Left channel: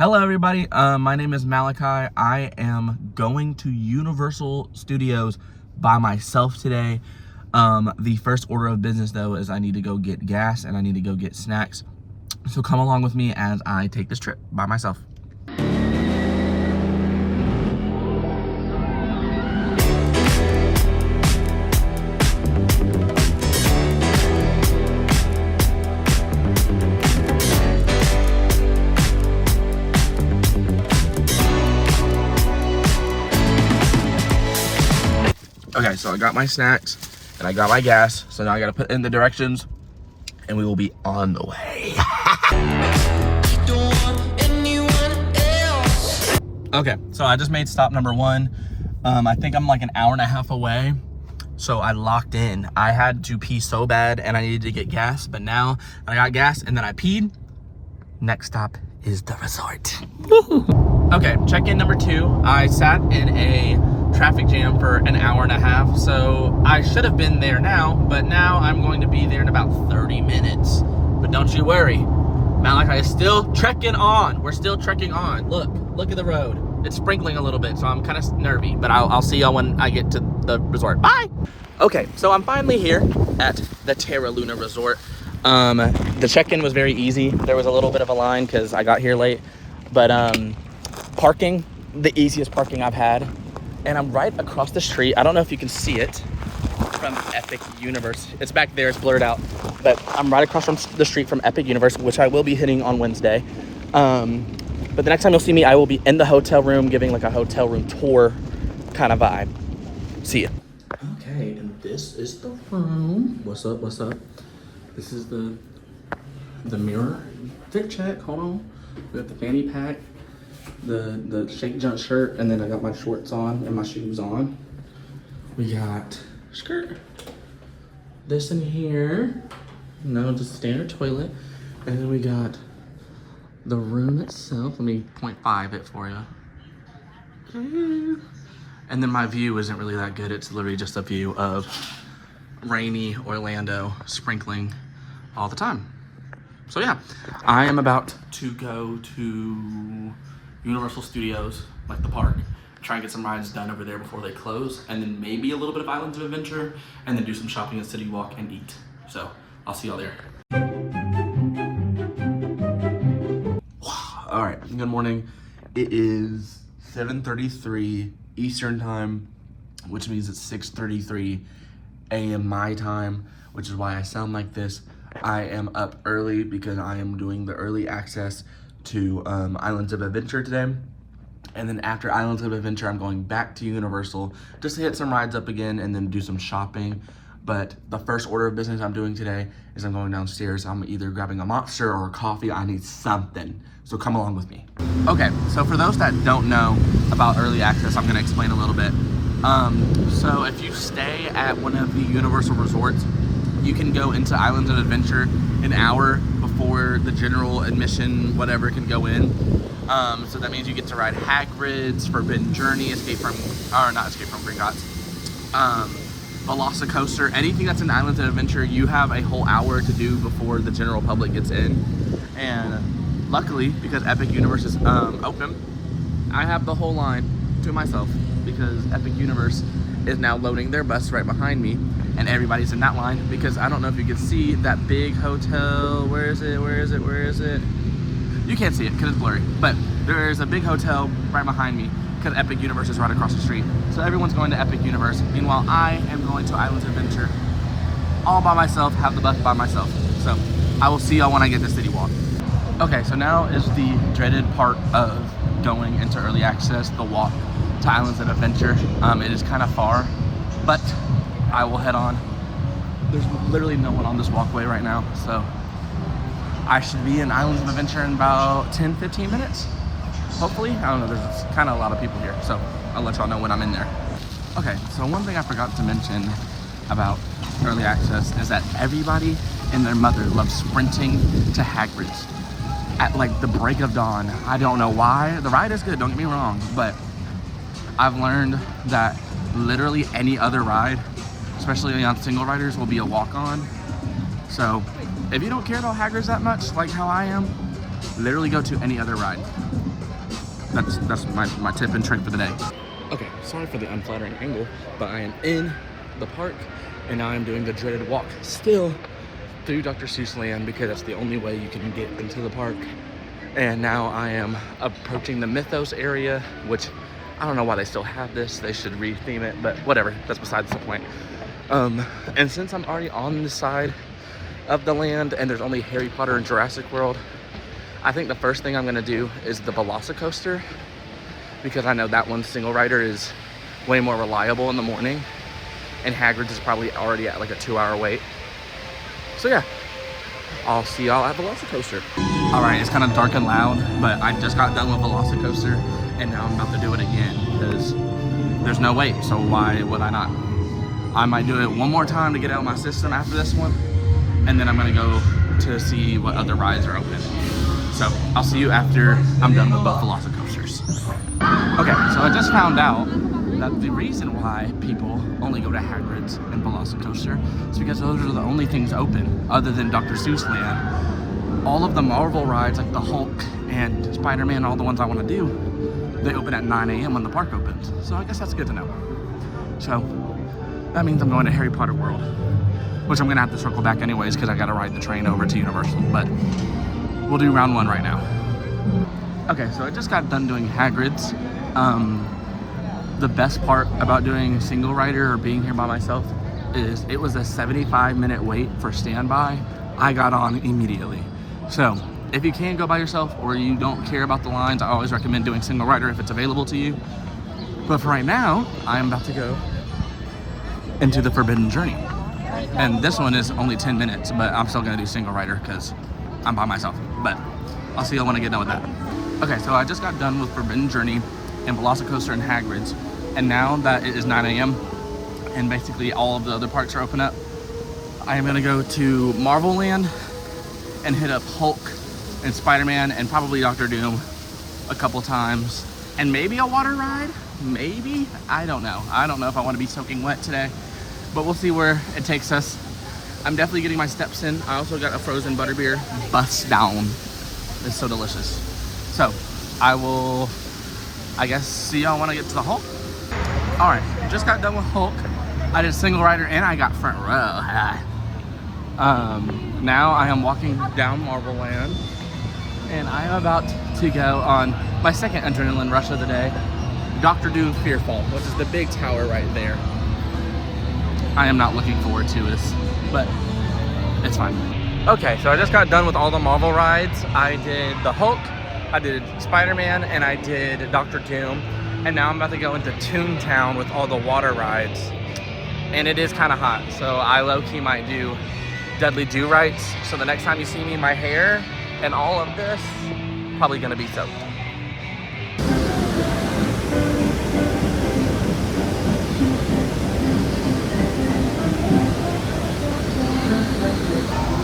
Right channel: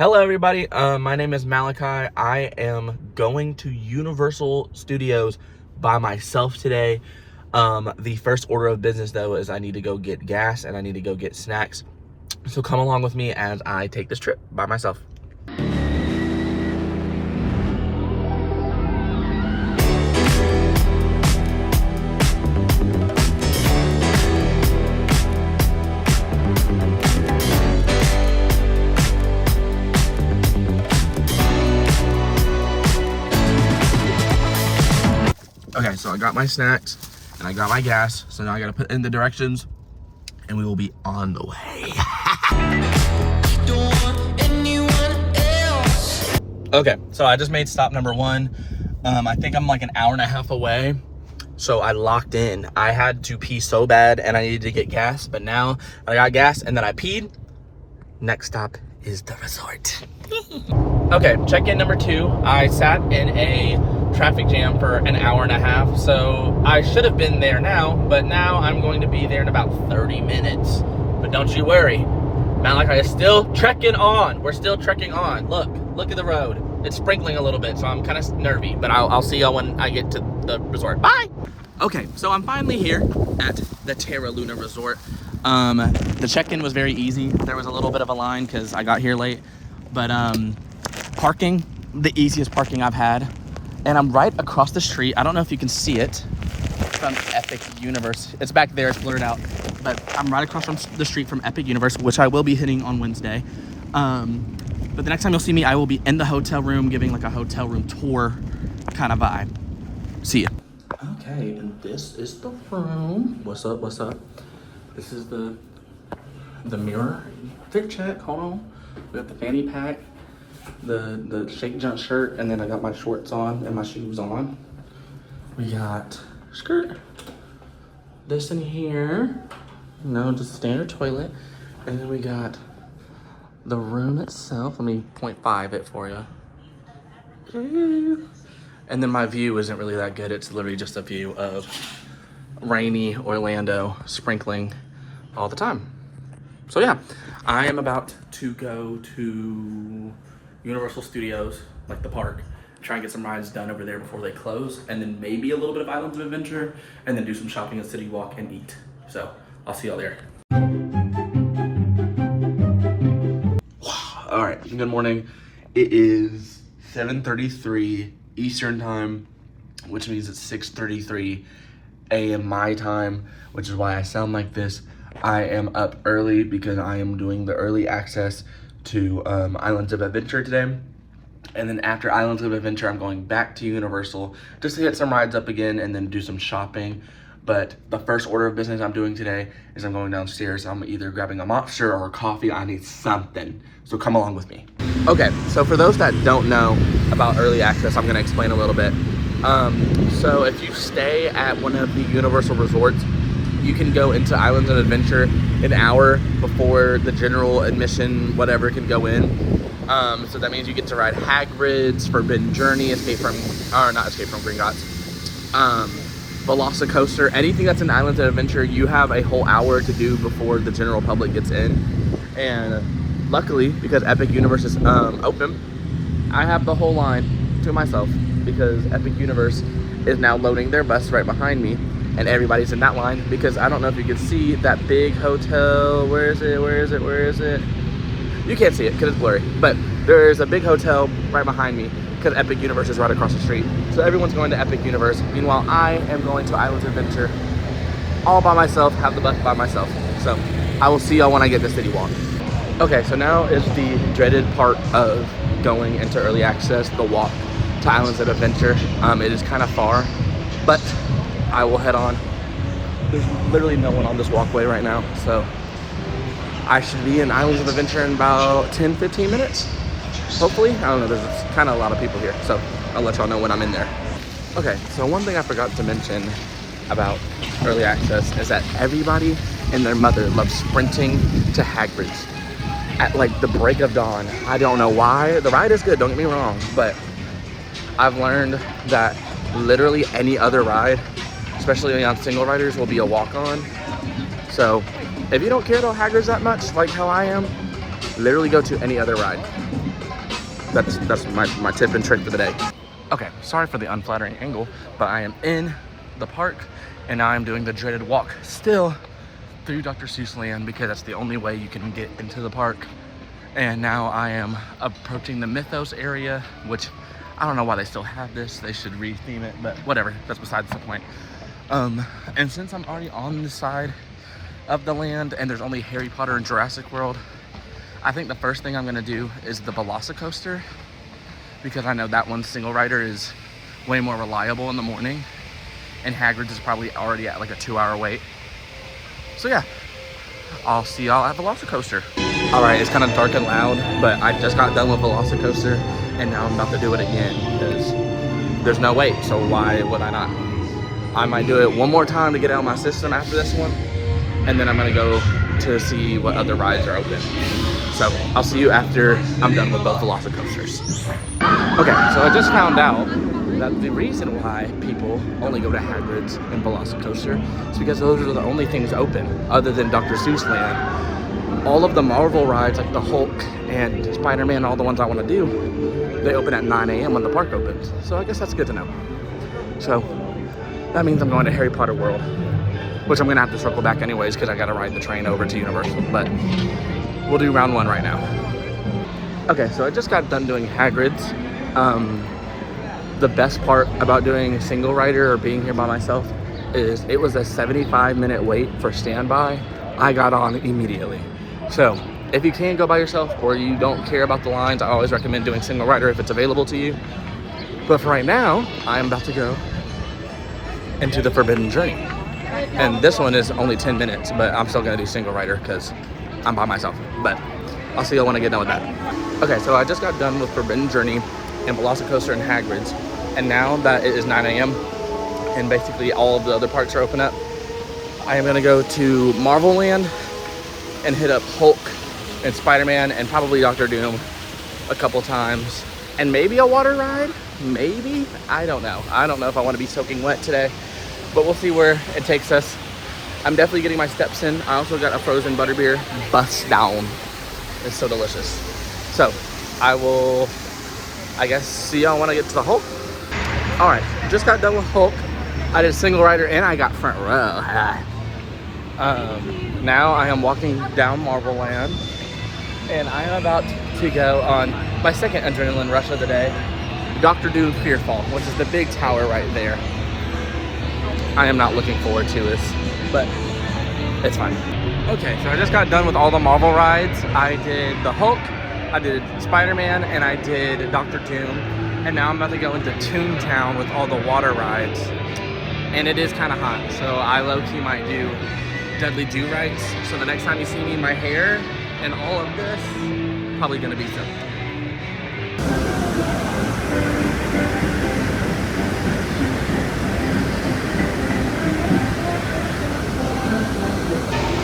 Hello everybody, my name is Malachi. I am going to Universal Studios by myself today. The first order of business though is I need to go get gas and I need to go get snacks. So come along with me as I take this trip by myself. Okay, so I got my snacks and I got my gas. So now I gotta put in the directions and we will be on the way. Okay, so I just made stop number one. I think I'm like an hour and a half away. So I locked in. I had to pee so bad and I needed to get gas, but now I got gas and then I peed. Next stop is the resort. Okay, check-in number two. I sat in a traffic jam for an hour and a half, so I should have been there now, but now I'm going to be there in about 30 minutes. But don't you worry, Malachi is still trekking on. We're still trekking on. Look at the road. It's sprinkling a little bit, so I'm kind of nervy, but I'll see y'all when I get to the resort. Bye! Okay, so I'm finally here at the Terra Luna Resort. The check-in was very easy. There was a little bit of a line because I got here late, but parking, the easiest parking I've had. And I'm right across the street. I don't know if you can see it from Epic Universe. It's back there, it's blurred out. But I'm right across from the street from Epic Universe, which I will be hitting on Wednesday. But the next time you'll see me, I will be in the hotel room, giving like a hotel room tour kind of vibe. See ya. Okay, and this is the room. What's up, what's up? This is the mirror. Fit check, hold on. We got the fanny pack, the shake jump shirt, and then I got my shorts on and my shoes on. We got skirt, this in here, no, just standard toilet, and then we got the room itself. Let me 0.5 it for you. And then my view isn't really that good. It's literally just a view of rainy Orlando sprinkling all the time. So yeah, I am about to go to Universal Studios, like the park, try and get some rides done over there before they close, and then maybe a little bit of Islands of Adventure, and then do some shopping at City Walk and eat. So I'll see y'all there. All right, good morning. It is 7:33 Eastern time, which means it's 6:33 a.m. my time, which is why I sound like this. I am up early because I am doing the early access to Islands of Adventure today. And then after Islands of Adventure, I'm going back to Universal just to hit some rides up again and then do some shopping. But the first order of business I'm doing today is I'm going downstairs. I'm either grabbing a monster or a coffee. I need something. So come along with me. Okay, so for those that don't know about early access, I'm gonna explain a little bit. So if you stay at one of the Universal resorts, you can go into Islands of Adventure an hour before the general admission, whatever, can go in. So that means you get to ride Hagrid's, Forbidden Journey, not Escape from Gringotts, Velocicoaster, anything that's in Islands of Adventure, you have a whole hour to do before the general public gets in. And luckily, because Epic Universe is open, I have the whole line to myself because Epic Universe is now loading their bus right behind me. And everybody's in that line because I don't know if you can see that big hotel. Where is it? You can't see it because it's blurry, but there's a big hotel right behind me because Epic Universe is right across the street. So everyone's going to Epic Universe. Meanwhile, I am going to Islands of Adventure all by myself, have the bus by myself. So I will see y'all when I get to City Walk. Okay, so now is the dreaded part of going into early access, the walk to Islands of Adventure. It is kind of far, but I will head on. There's literally no one on this walkway right now, so I should be in Islands of Adventure in about 10-15 minutes, hopefully. I don't know, there's kind of a lot of people here, so I'll let y'all know when I'm in there. Okay, so one thing I forgot to mention about early access is that everybody and their mother loves sprinting to Hagrid's at like the break of dawn. I don't know why. The ride is good, don't get me wrong, but I've learned that literally any other ride, especially on single riders, will be a walk-on. So if you don't care about Hagrid's that much, like how I am, literally go to any other ride. that's my tip and trick for the day. Okay, sorry for the unflattering angle, but I am in the park and now I'm doing the dreaded walk still through Dr. Seuss land because that's the only way you can get into the park. And now I am approaching the Mythos area, which I don't know why they still have this. They should retheme it, but whatever, that's besides the point. And since I'm already on this side of the land and there's only Harry Potter and Jurassic World, I think the first thing I'm gonna do is the Velocicoaster, because I know that one single rider is way more reliable in the morning, and Hagrid's is probably already at like a 2-hour wait. So yeah, I'll see y'all at Velocicoaster. All right, it's kind of dark and loud, but I just got done with Velocicoaster, and now I'm about to do it again because there's no wait, so why would I not? I might do it one more time to get out of my system after this one, and then I'm gonna go to see what other rides are open. So I'll see you after I'm done with both Velocicoasters. Okay, so I just found out that the reason why people only go to Hagrid's and Velocicoaster is because those are the only things open other than Dr. Seuss land. All of the Marvel rides like the Hulk and Spider-Man, all the ones I want to do, they open at 9 a.m. when the park opens. So I guess that's good to know. So that means I'm going to Harry Potter World, which I'm gonna have to circle back anyways because I gotta ride the train over to Universal, but we'll do round one right now. Okay, so I just got done doing Hagrid's. The best part about doing a single rider or being here by myself is it was a 75-minute wait for standby. I got on immediately. So if you can't go by yourself or you don't care about the lines, I always recommend doing single rider if it's available to you. But for right now, I'm about to go into the Forbidden Journey. And this one is only 10 minutes, but I'm still gonna do single rider because I'm by myself. But I'll see y'all when I get done with that. Okay, so I just got done with Forbidden Journey and Velocicoaster and Hagrid's. And now that it is 9 a.m. and basically all of the other parks are open up, I am gonna go to Marvel Land and hit up Hulk and Spider-Man and probably Doctor Doom a couple times. And maybe a water ride, maybe? I don't know. I don't know if I wanna be soaking wet today, but we'll see where it takes us. I'm definitely getting my steps in. I also got a frozen butterbeer, bust down. It's so delicious. So I will, I guess, see y'all when I get to the Hulk. All right, just got done with Hulk. I did single rider and I got front row. Now I am walking down Marvel Land and I am about to go on my second adrenaline rush of the day, Dr. Doom's Fearfall, which is the big tower right there. I am not looking forward to this, but it's fine. Okay, so I just got done with all the Marvel rides. I did the Hulk, I did Spider-Man, and I did Dr. Doom. And now I'm about to go into Toontown with all the water rides. And it is kind of hot, so I low-key might do Dudley Do-Rights. So the next time you see me, my hair and all of this, probably gonna be soaked.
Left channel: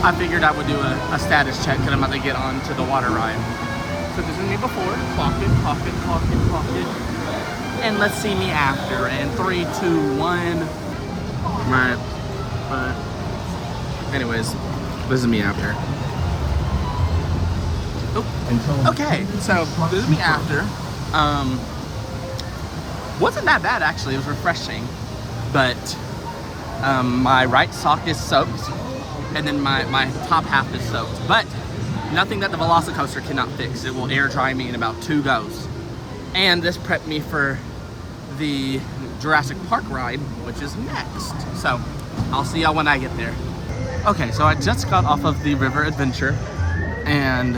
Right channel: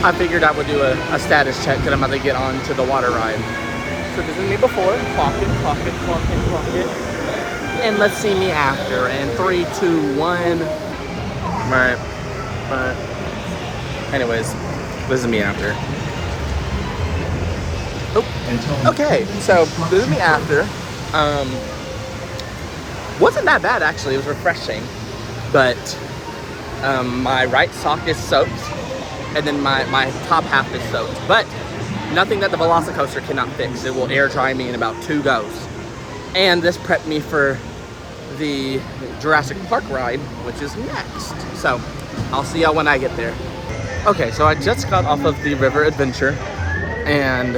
I figured I would do a status check because I'm about to get on to the water ride. So this is me before. Clock it, clock it, clock it, clock it. And let's see me after. And 3, 2, 1. Right. Anyways, this is me after. Oh, okay. So this is me after. Wasn't that bad actually. It was refreshing, but my right sock is soaked, and then my top half is soaked. But nothing that the Velocicoaster cannot fix. It will air dry me in about 2 goes. And this prepped me for the Jurassic Park ride, which is next. So I'll see y'all when I get there. Okay, so I just got off of the River Adventure and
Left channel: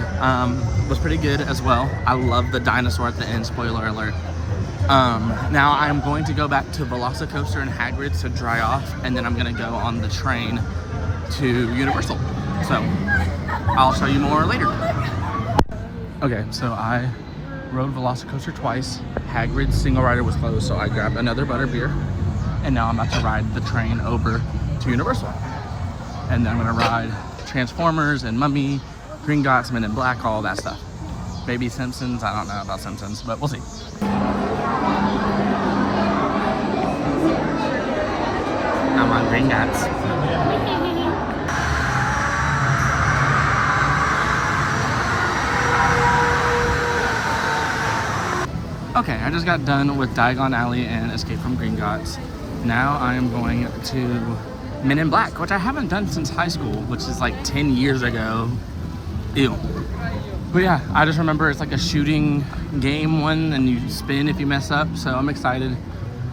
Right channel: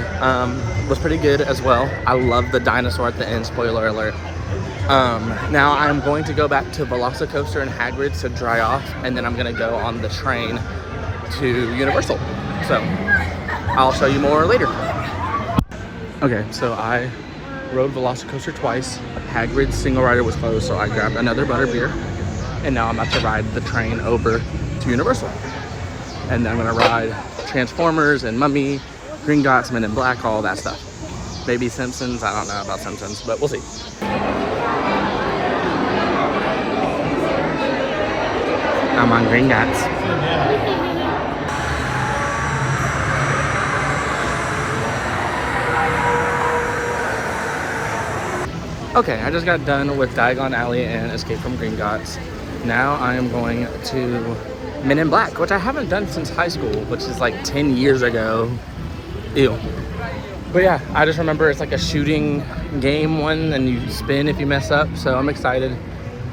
was pretty good as well. I love the dinosaur at the end, spoiler alert. Now I'm going to go back to Velocicoaster and Hagrid's to dry off, and then I'm gonna go on the train to Universal. So I'll show you more later. Okay, so I rode Velocicoaster twice. Hagrid's single rider was closed, so I grabbed another butterbeer. And now I'm about to ride the train over to Universal. And then I'm gonna ride Transformers and Mummy, Green Gots, Men in Black, all that stuff. Maybe Simpsons, I don't know about Simpsons, but we'll see. I'm on Green Gots. Okay, I just got done with Diagon Alley and Escape from Gringotts. Now I am going to Men in Black, which I haven't done since high school, which is like 10 years ago. Ew. But yeah, I just remember it's like a shooting game one and you spin if you mess up, so I'm excited.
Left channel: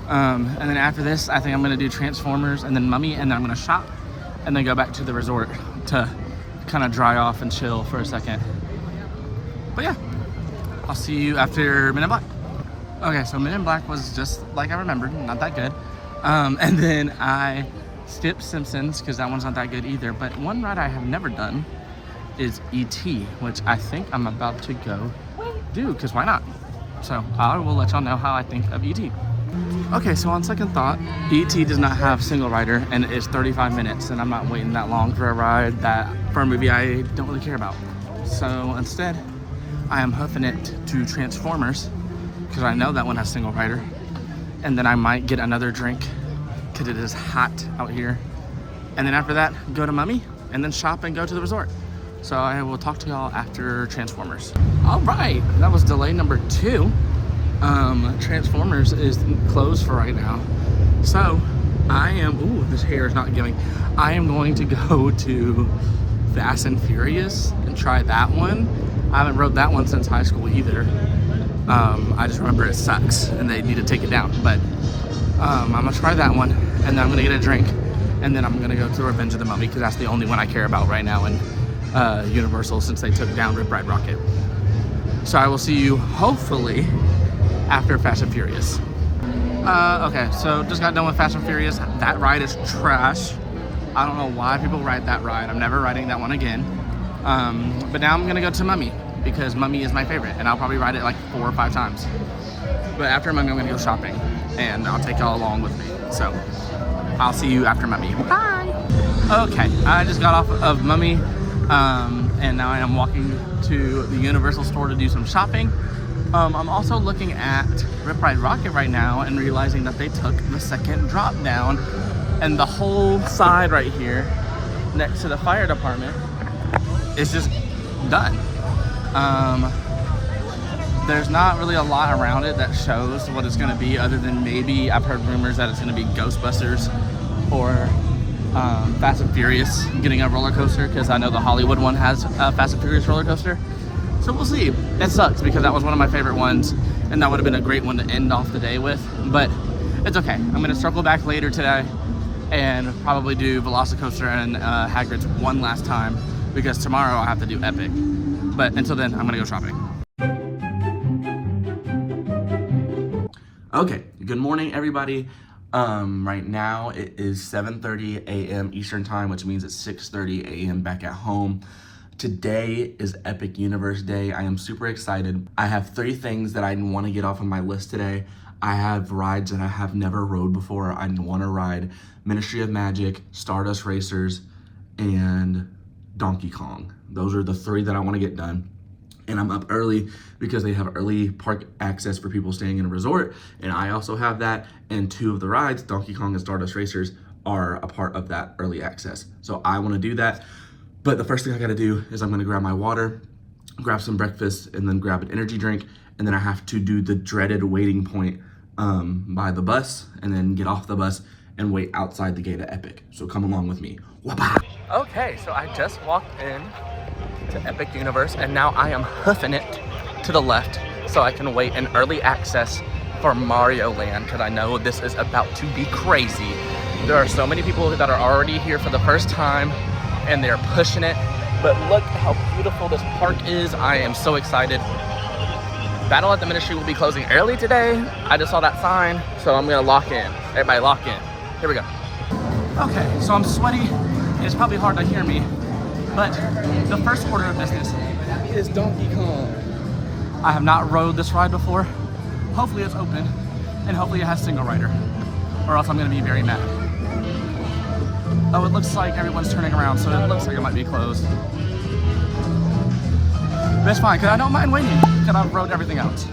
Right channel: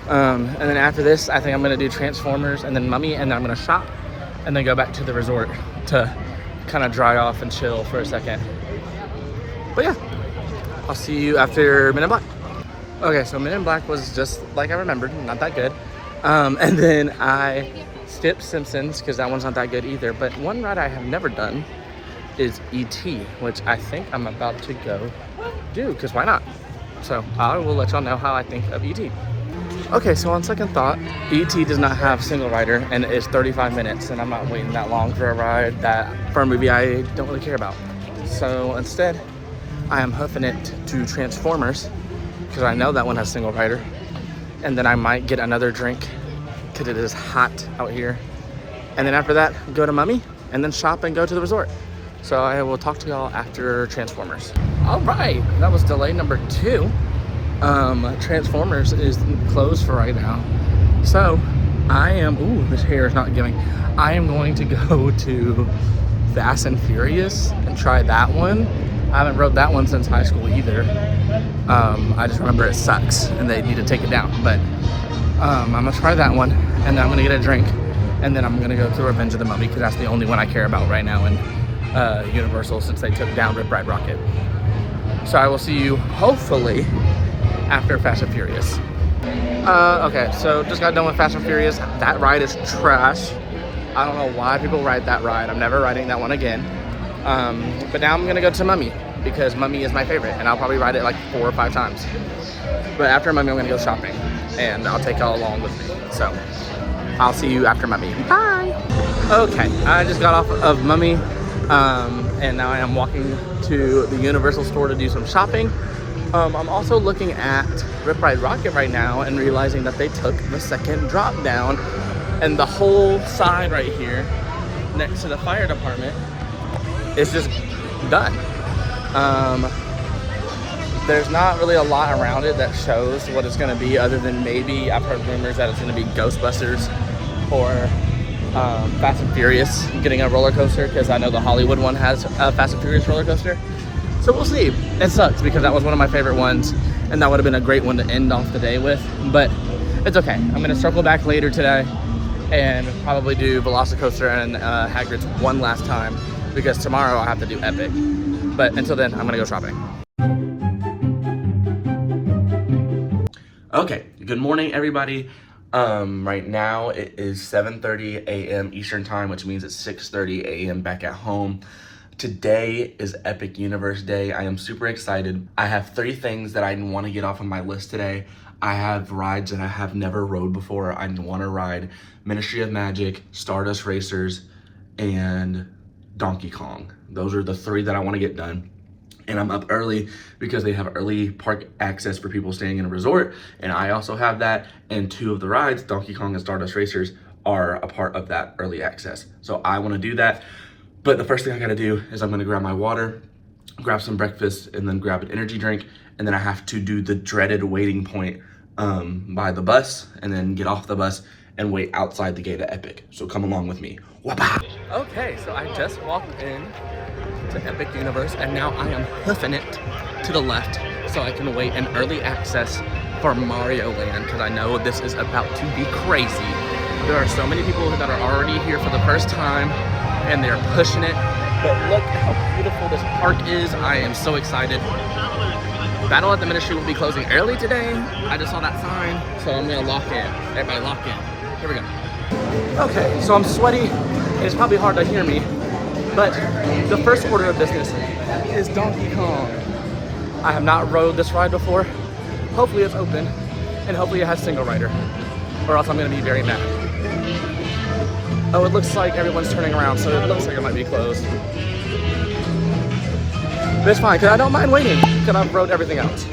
And then after this, I think I'm gonna do Transformers and then Mummy, and then I'm gonna shop and then go back to the resort to kind of dry off and chill for a second. But yeah, I'll see you after Men in Black. Okay, so Men in Black was just like I remembered, not that good. And then I skipped Simpsons because that one's not that good either. But one ride I have never done is E.T., which I think I'm about to go do, because why not? So I will let y'all know how I think of E.T. Okay, so on second thought, E.T. does not have single rider and it's 35 minutes and I'm not waiting that long for a ride for a movie I don't really care about. So instead, I am hoofing it to Transformers because I know that one has single rider. And then I might get another drink because it is hot out here. And then after that, go to Mummy and then shop and go to the resort. So I will talk to y'all after Transformers. All right, that was delay number 2. Transformers is closed for right now. So I am, ooh, this hair is not giving. I am going to go to Fast and Furious and try that one. I haven't rode that one since high school either. I just remember it sucks and they need to take it down. But I'm gonna try that one and then I'm gonna get a drink. And then I'm gonna go to Revenge of the Mummy because that's the only one I care about right now in Universal since they took down Rip Ride Rocket. So I will see you hopefully after Fast and Furious. Okay, so just got done with Fast and Furious. That ride is trash. I don't know why people ride that ride. I'm never riding that one again. But now I'm gonna go to Mummy because Mummy is my favorite and I'll probably ride it like 4 or 5 times. But after Mummy, I'm gonna go shopping and I'll take y'all along with me. So I'll see you after Mummy. Bye. Okay, I just got off of Mummy and now I am walking to the Universal store to do some shopping. I'm also looking at Rip Ride Rocket right now and realizing that they took the second drop down and the whole side right here next to the fire department is just done. There's not really a lot around it that shows what it's gonna be other than maybe I've heard rumors that it's gonna be Ghostbusters or Fast and Furious getting a roller coaster because I know the Hollywood one has a Fast and Furious roller coaster. So we'll see. It sucks because that was one of my favorite ones and that would have been a great one to end off the day with, but it's okay. I'm gonna circle back later today and probably do Velocicoaster and Hagrid's one last time because tomorrow I'll have to do Epic. But until then, I'm gonna go shopping. Okay, good morning everybody. Right now it is 7:30 a.m. Eastern time, which means it's 6:30 a.m. back at home. Today is Epic Universe Day. I am super excited. I have 3 things that I want to get off of my list today. I have rides that I have never rode before. I want to ride Ministry of Magic, Stardust Racers, and Donkey Kong. Those are the 3 that I want to get done. And I'm up early because they have early park access for people staying in a resort. And I also have that. And 2 of the rides, Donkey Kong and Stardust Racers, are a part of that early access. So I want to do that. But the first thing I gotta do is I'm gonna grab my water, grab some breakfast, and then grab an energy drink. And then I have to do the dreaded waiting point by the bus, and then get off the bus and wait outside the gate of Epic. So come along with me. Wapa! Okay, so I just walked in to Epic Universe, and now I am hoofing it to the left so I can wait in early access for Mario Land, because I know this is about to be crazy. There are so many people that are already here for the first time, and they're pushing it, but look how beautiful this park is. I am so excited. Battle at the Ministry will be closing early today. I just saw that sign, so I'm gonna lock in. Everybody lock in. Here we go. Okay, so I'm sweaty, and it's probably hard to hear me, but the first order of business is Donkey Kong. I have not rode this ride before. Hopefully it's open, and hopefully it has single rider, or else I'm gonna be very mad. Oh, it looks like everyone's turning around, so it looks like it might be closed. But it's fine, because I don't mind waiting, because I've rode everything else.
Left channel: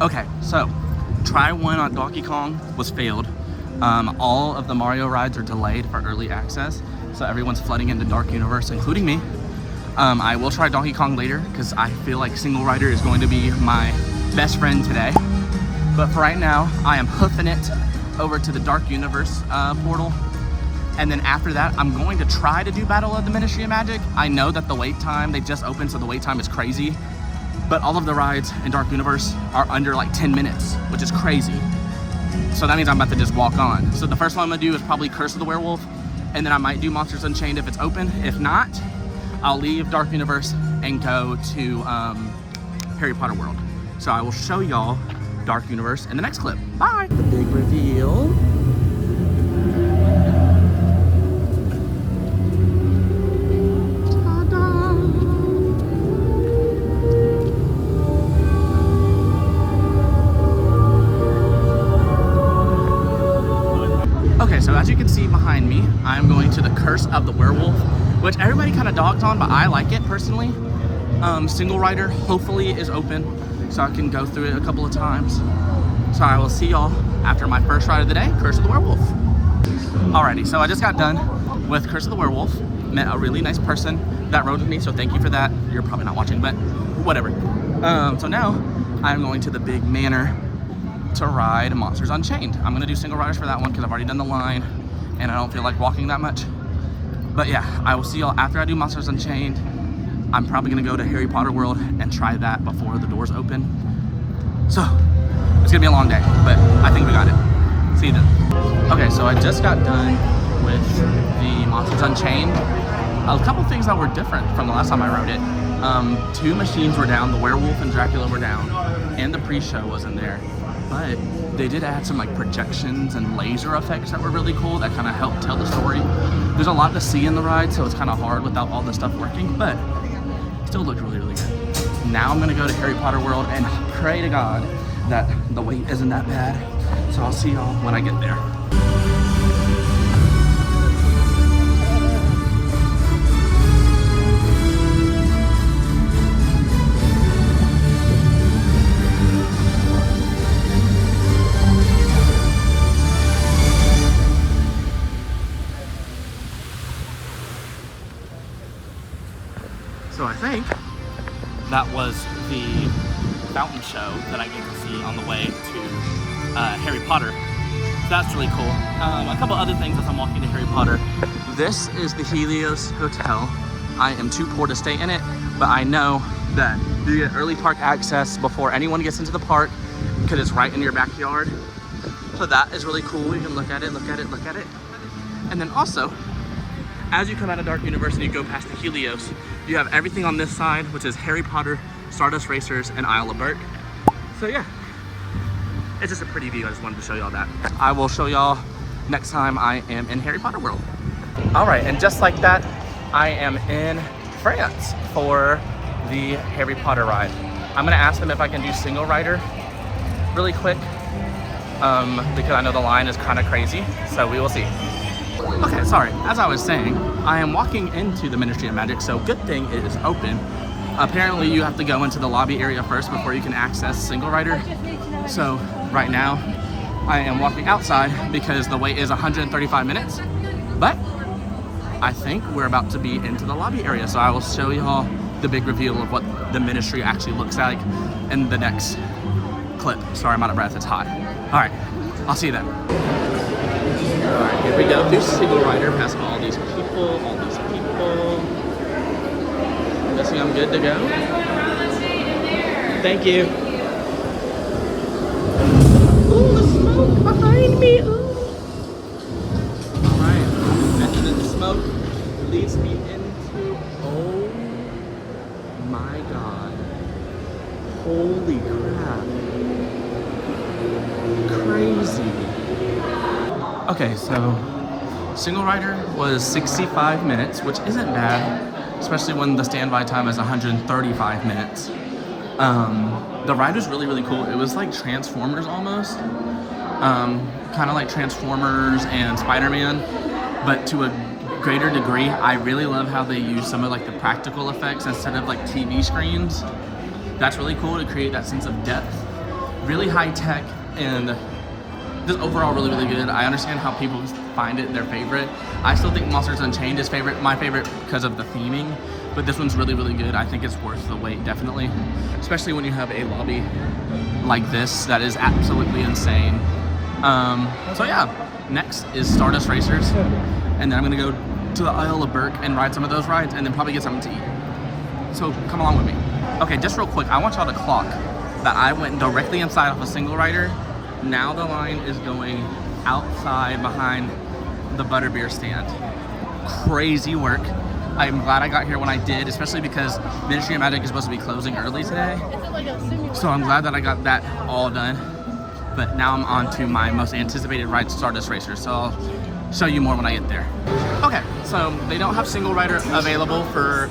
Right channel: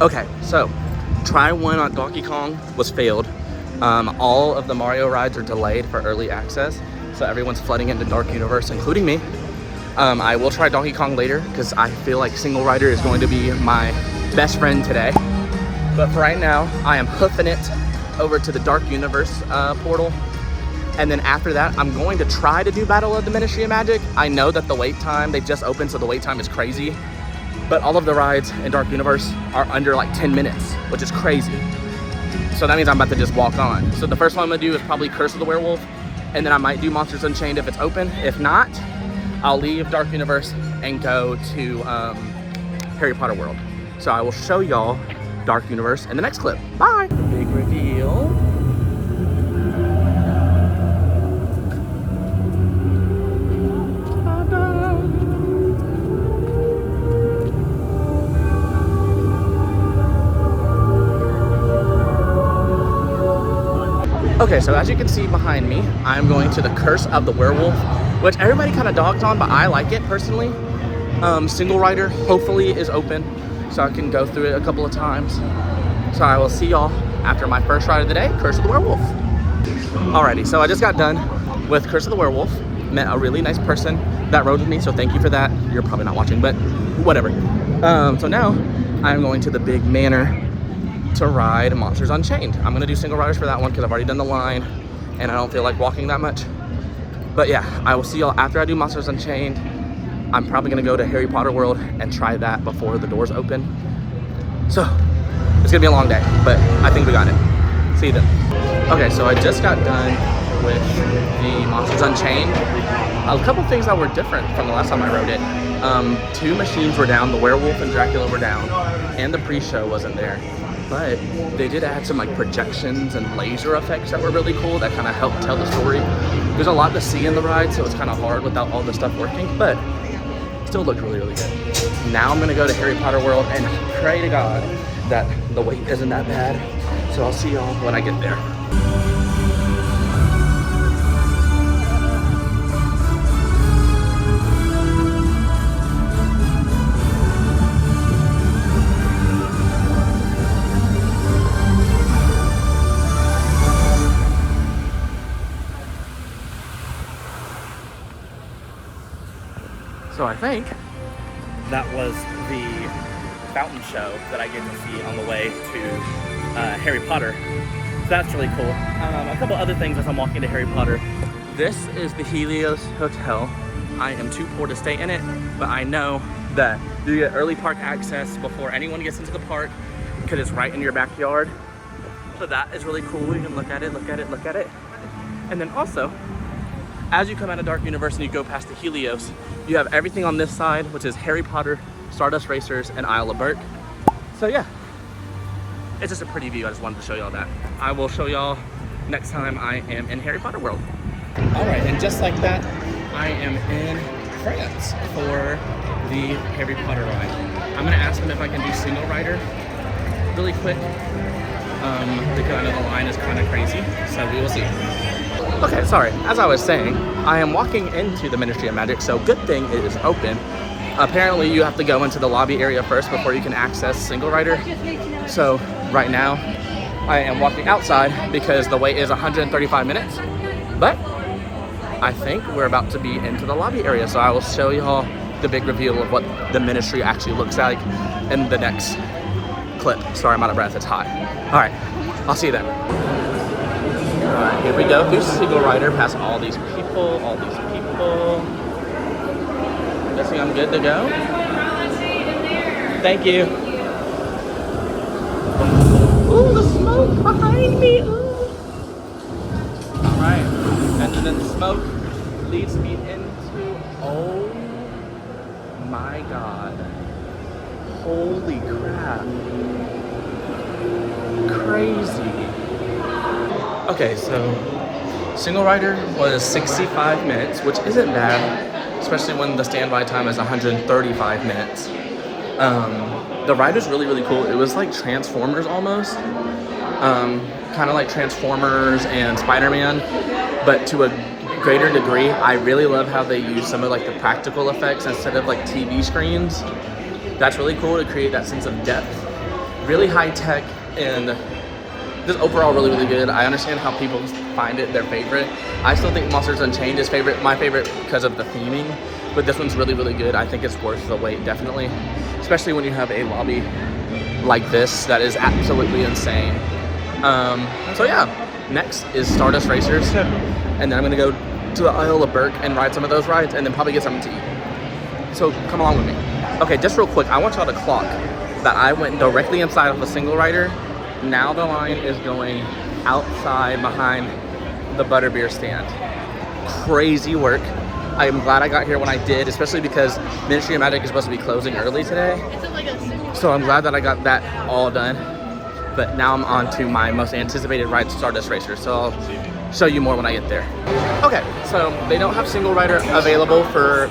Okay, so try one on Donkey Kong was failed. All of the Mario rides are delayed for early access, so everyone's flooding into Dark Universe, including me. I will try Donkey Kong later because I feel like single rider is going to be my best friend today. But for right now, I am hoofing it over to the Dark Universe portal. And then after that, I'm going to try to do Battle of the Ministry of Magic. I know that the wait time, they just opened, so the wait time is crazy. But all of the rides in Dark Universe are under like 10 minutes, which is crazy. So that means I'm about to just walk on. So the first one I'm gonna do is probably Curse of the Werewolf. And then I might do Monsters Unchained if it's open. If not, I'll leave Dark Universe and go to Harry Potter World. So I will show y'all Dark Universe in the next clip. Bye. The big reveal. Okay, so as you can see behind me, I'm going to the Curse of the Werewolf, which everybody kind of dogged on, but I like it personally. Single rider hopefully is open, so I can go through it a couple of times. So I will see y'all after my first ride of the day, Curse of the Werewolf. Alrighty, so I just got done with Curse of the Werewolf. Met a really nice person that rode with me, so thank you for that. You're probably not watching, but whatever. So now I'm going to the big manor to ride Monsters Unchained. I'm gonna do single riders for that one because I've already done the line and I don't feel like walking that much. But yeah, I will see y'all after I do Monsters Unchained. I'm probably gonna go to Harry Potter World and try that before the doors open. So it's gonna be a long day, but I think we got it. See you then. Okay, so I just got done with the Monsters Unchained. A couple things that were different from the last time I rode it. 2 machines were down, the werewolf and Dracula were down, and the pre-show wasn't there. But they did add some like projections and laser effects that were really cool that kind of helped tell the story. There's a lot to see in the ride, so it's kind of hard without all the stuff working, but still looked really, really good. Now I'm gonna go to Harry Potter World and pray to God that the wait isn't that bad. So I'll see y'all when I get there. So I think that was the fountain show that I get to see on the way to Harry Potter. So that's really cool. A couple other things as I'm walking to Harry Potter. This is the Helios Hotel. I am too poor to stay in it, but I know that you get early park access before anyone gets into the park because it's right in your backyard. So that is really cool. You can look at it, look at it, look at it. And then also, as you come out of Dark Universe and you go past the Helios, you have everything on this side, which is Harry Potter, Stardust Racers, and Isle of Bert. So yeah, it's just a pretty view. I just wanted to show y'all that. I will show y'all next time I am in Harry Potter World. All right, and just like that, I am in France for the Harry Potter ride. I'm gonna ask them if I can do single rider really quick, because I know the line is kind of crazy, so we will see. Okay, sorry, as I was saying, I am walking into the Ministry of Magic, so good thing it is open. Apparently you have to go into the lobby area first before you can access single rider. So right now, I am walking outside because the wait is 135 minutes, but I think we're about to be into the lobby area. So I will show y'all the big reveal of what the Ministry actually looks like in the next clip. Sorry, I'm out of breath, it's hot. All right, I'll see you then. All right, here we go. This single rider past all these people, I'm guessing I'm good to go. Thank you. Ooh, the smoke behind me. Ooh. All right, and then the smoke leads me into, oh my God. Holy crap. Crazy. Okay, so single rider was 65 minutes, which isn't bad, especially when the standby time is 135 minutes. The ride was really, really cool. It was like Transformers almost, kind of like Transformers and Spider-Man, but to a greater degree. I really love how they use some of like the practical effects instead of like TV screens. That's really cool to create that sense of depth. Really high tech and Just overall really, really good. I understand how people find it their favorite. I still think Monsters Unchained is my favorite because of the theming, but this one's really, really good. I think it's worth the wait, definitely. Especially when you have a lobby like this that is absolutely insane. So yeah, next is Stardust Racers. And then I'm gonna go to the Isle of Burke and ride some of those rides and then probably get something to eat. So come along with me. Okay, just real quick, I want y'all to clock that I went directly inside of a single rider. Now the line is going outside behind the butterbeer stand. Crazy work. I am glad I got here when I did, especially because Ministry of Magic is supposed to be closing early today. So I'm glad that I got that all done. But now I'm on to my most anticipated ride, Stardust Racers. So I'll show you more when I get there. Okay, so they don't have single rider available for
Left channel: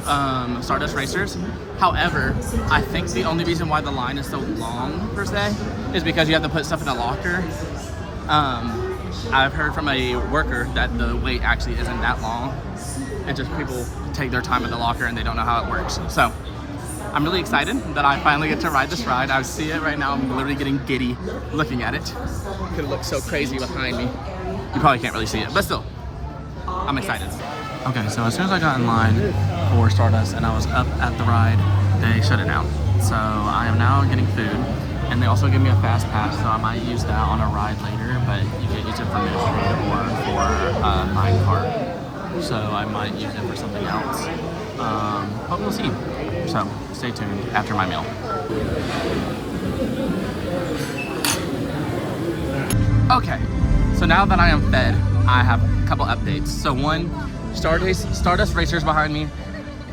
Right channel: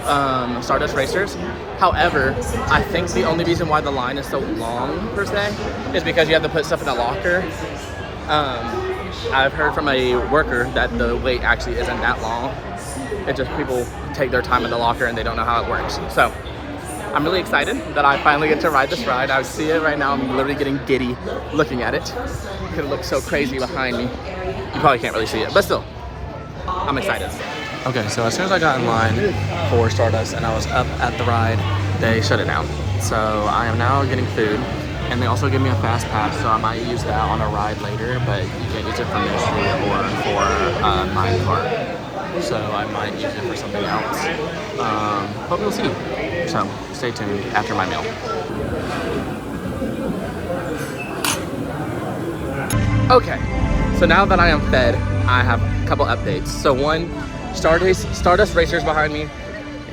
Stardust Racers. However, I think the only reason why the line is so long, per se, is because you have to put stuff in a locker. I've heard from a worker that the wait actually isn't that long. It's just people take their time in the locker and they don't know how it works. So I'm really excited that I finally get to ride this ride. I see it right now. I'm literally getting giddy looking at it. It looks so crazy behind me. You probably can't really see it, but still, I'm excited. Okay, so as soon as I got in line for Stardust and I was up at the ride, they shut it down. So I am now getting food, and they also give me a fast pass, so I might use that on a ride later, but you can't use it for Ministry or for minecart. So I might use it for something else, but we'll see. So stay tuned after my meal. Okay, so now that I am fed, I have a couple updates. So one, Stardust Racers behind me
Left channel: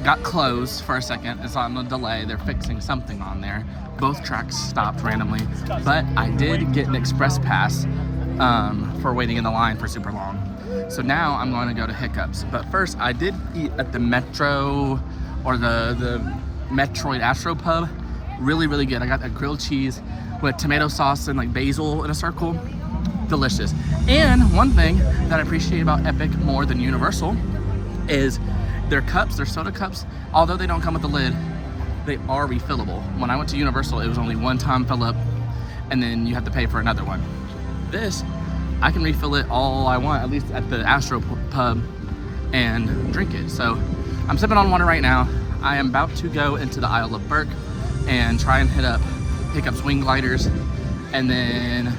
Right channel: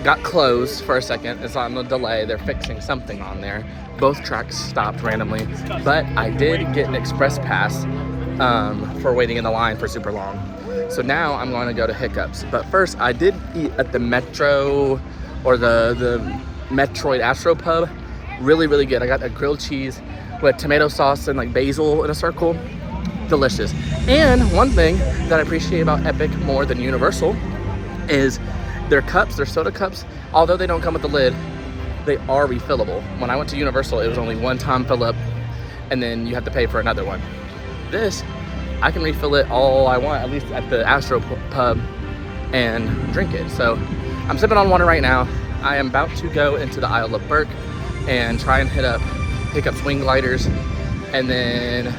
got closed for a second. It's on the delay. They're fixing something on there. Both tracks stopped randomly, but I did get an express pass for waiting in the line for super long. So now I'm going to go to Hiccups. But first, I did eat at the Metro, or the Metroid Astro Pub. Really, really good. I got a grilled cheese with tomato sauce and like basil in a circle. Delicious. And one thing that I appreciate about Epic more than Universal is their cups, their soda cups, although they don't come with the lid, they are refillable. When I went to Universal, it was only one time fill up and then you have to pay for another one. This, I can refill it all I want, at least at the Astro Pub, and drink it. So I'm sipping on water right now. I am about to go into the Isle of Burke and try and hit up Swing Gliders, and then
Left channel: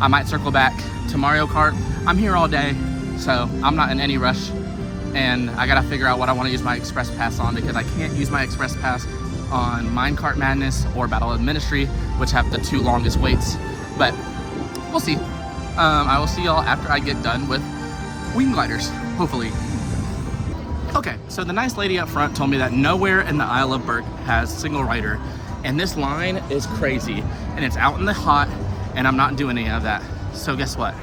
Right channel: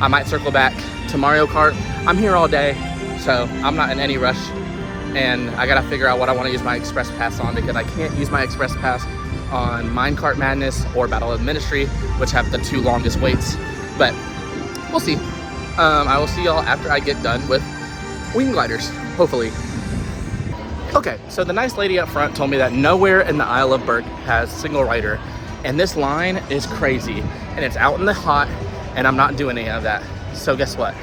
I might circle back to Mario Kart. I'm here all day, so I'm not in any rush, and I gotta figure out what I want to use my Express Pass on, because I can't use my Express Pass on Minecart Madness or Battle of the Ministry, which have the two longest waits, but we'll see. I will see y'all after I get done with Wing Gliders, hopefully. Okay, so the nice lady up front told me that nowhere in the Isle of Burke has single rider, and this line is crazy, and it's out in the hot, and I'm not doing any of that. So guess what?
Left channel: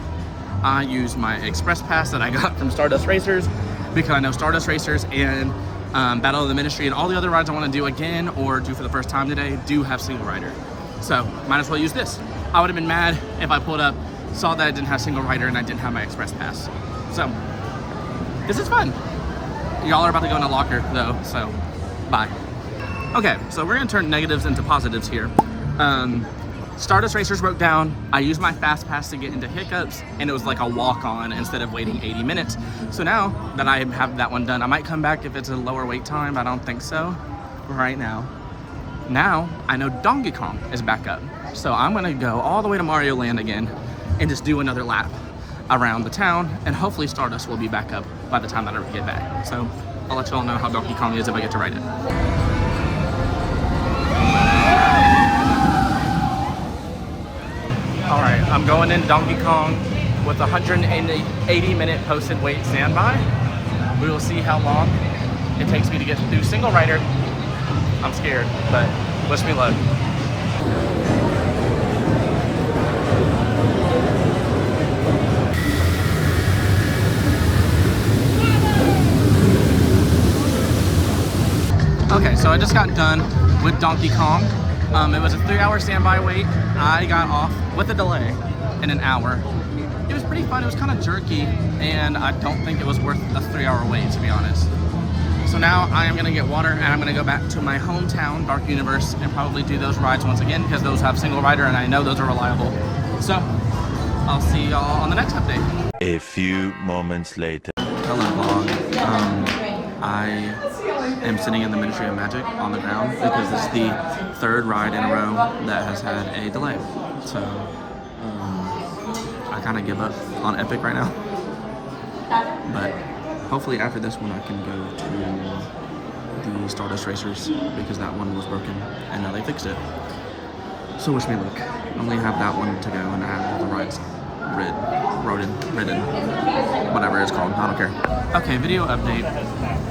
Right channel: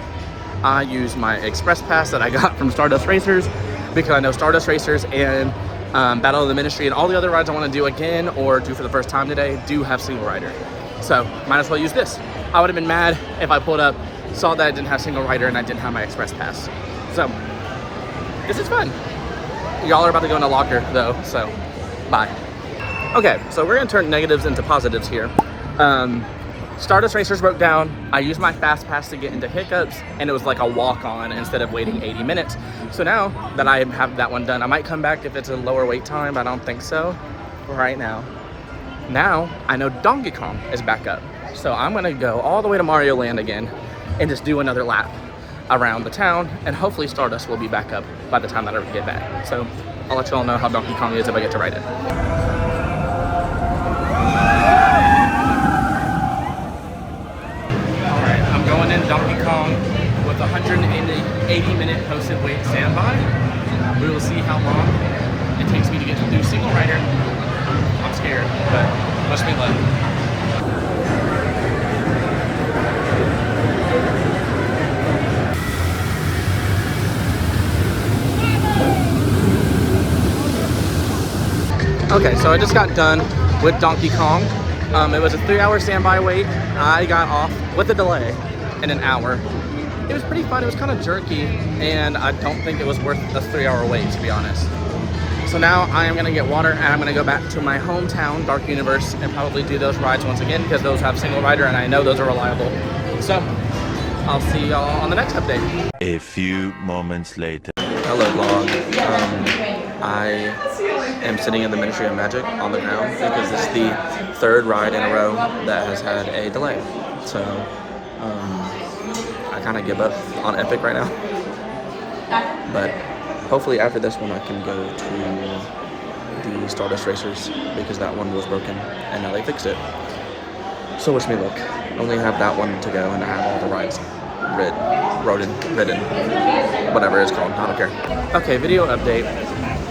I use my Express Pass that I got from Stardust Racers, because I know Stardust Racers and Battle of the Ministry and all the other rides I want to do again or do for the first time today do have single rider. So might as well use this. I would have been mad if I pulled up, saw that I didn't have single rider and I didn't have my Express Pass. So this is fun. Y'all are about to go in a locker though, so bye. Okay, so we're gonna turn negatives into positives here. Stardust Racers broke down. I used my fast pass to get into Hiccups, and it was like a walk-on instead of waiting 80 minutes. So now that I have that one done, I might come back if it's a lower wait time, but I don't think so right now. Now I know Donkey Kong is back up, so I'm gonna go all the way to Mario Land again and just do another lap around the town, and hopefully Stardust will be back up by the time that I get back. So I'll let you all know how Donkey Kong is if I get to ride it. All right, I'm going into Donkey Kong with 180-minute posted wait standby. We will see how long it takes me to get through single rider. I'm scared, but wish me luck. Okay, so I just got done with Donkey Kong. It was a 3-hour standby wait. I got off with a delay in an hour. It was pretty fun. It was kind of jerky, and I don't think it was worth a 3-hour wait, to be honest. So now I am gonna get water, and I'm gonna go back to my hometown, Dark Universe, and probably do those rides once again, because those have single rider, and I know those are reliable. So I'll see y'all on the next update. A few moments later. Hello vlog. I am sitting in the Ministry of Magic on the ground because this is the third ride in a row that has had a delay. So I kind of give up on Epic right now. But hopefully after this one I can go to the Stardust Racers because that one was broken and now they fixed it. So wish me luck. I only have that one to go and I have all the rides ridden, whatever it's called, I don't care. Okay, video update.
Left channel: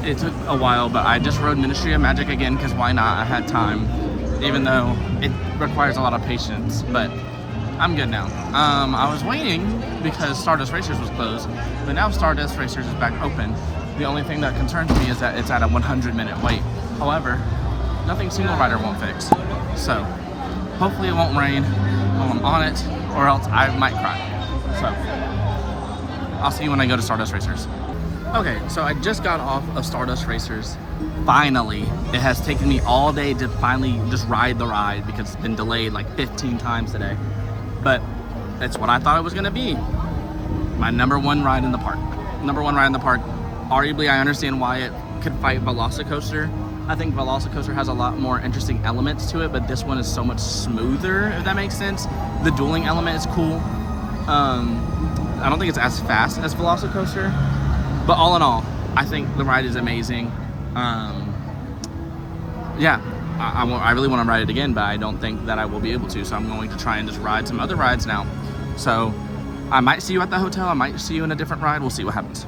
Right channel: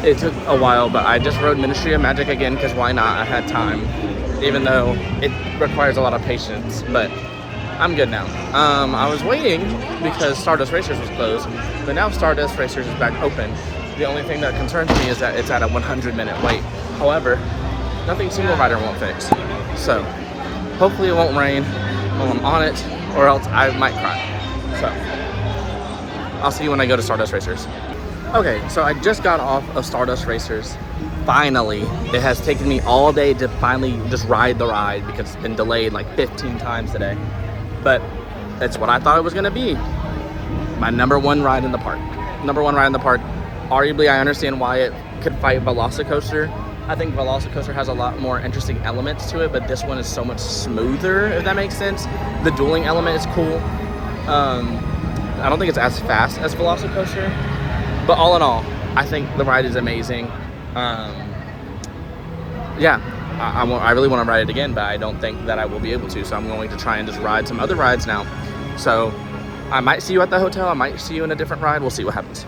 It took a while, but I just rode Ministry of Magic again because why not? I had time, even though it requires a lot of patience, but I'm good now. I was waiting because Stardust Racers was closed, but now Stardust Racers is back open. The only thing that concerns me is that it's at a 100-minute wait. However, nothing single rider won't fix. So hopefully it won't rain while I'm on it, or else I might cry. So I'll see you when I go to Stardust Racers. Okay, so I just got off of Stardust Racers. Finally, it has taken me all day to finally just ride the ride because it's been delayed like 15 times today. But it's what I thought it was gonna be. My number one ride in the park. Arguably, I understand why it could fight Velocicoaster. I think Velocicoaster has a lot more interesting elements to it, but this one is so much smoother, if that makes sense. The dueling element is cool. I don't think it's as fast as Velocicoaster, but all in all, I think the ride is amazing. Yeah, I really want to ride it again, but I don't think that I will be able to, so I'm going to try and just ride some other rides now. So I might see you at the hotel, I might see you in a different ride, we'll see what happens.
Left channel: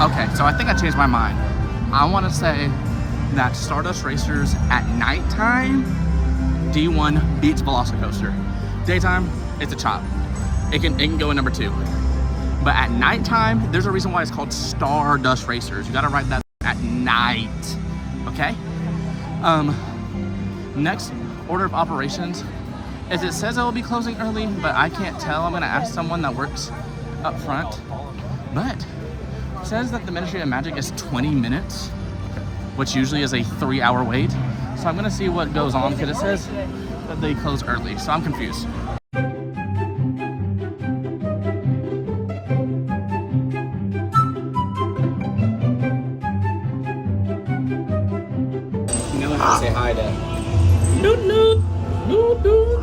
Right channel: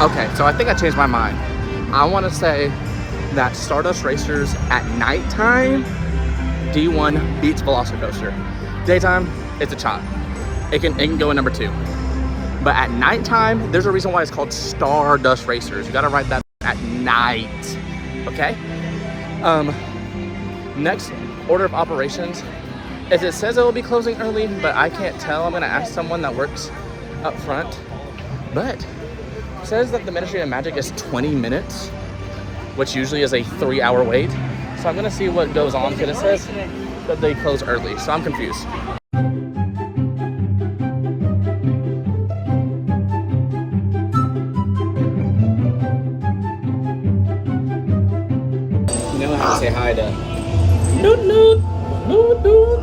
Okay, so I think I changed my mind. I want to say that Stardust Racers at nighttime, D1 beats Velocicoaster. Daytime, it's a chop. It can go in number 2. But at nighttime, there's a reason why it's called Stardust Racers. You gotta ride that at night, okay? Next order of operations is it says it will be closing early, but I can't tell. I'm gonna ask someone that works up front. But it says that the Ministry of Magic is 20 minutes, which usually is a 3-hour wait. So I'm gonna see what goes on because it says that they close early, so I'm confused. You know I have to say hi to Noot Noot. Noot Noot.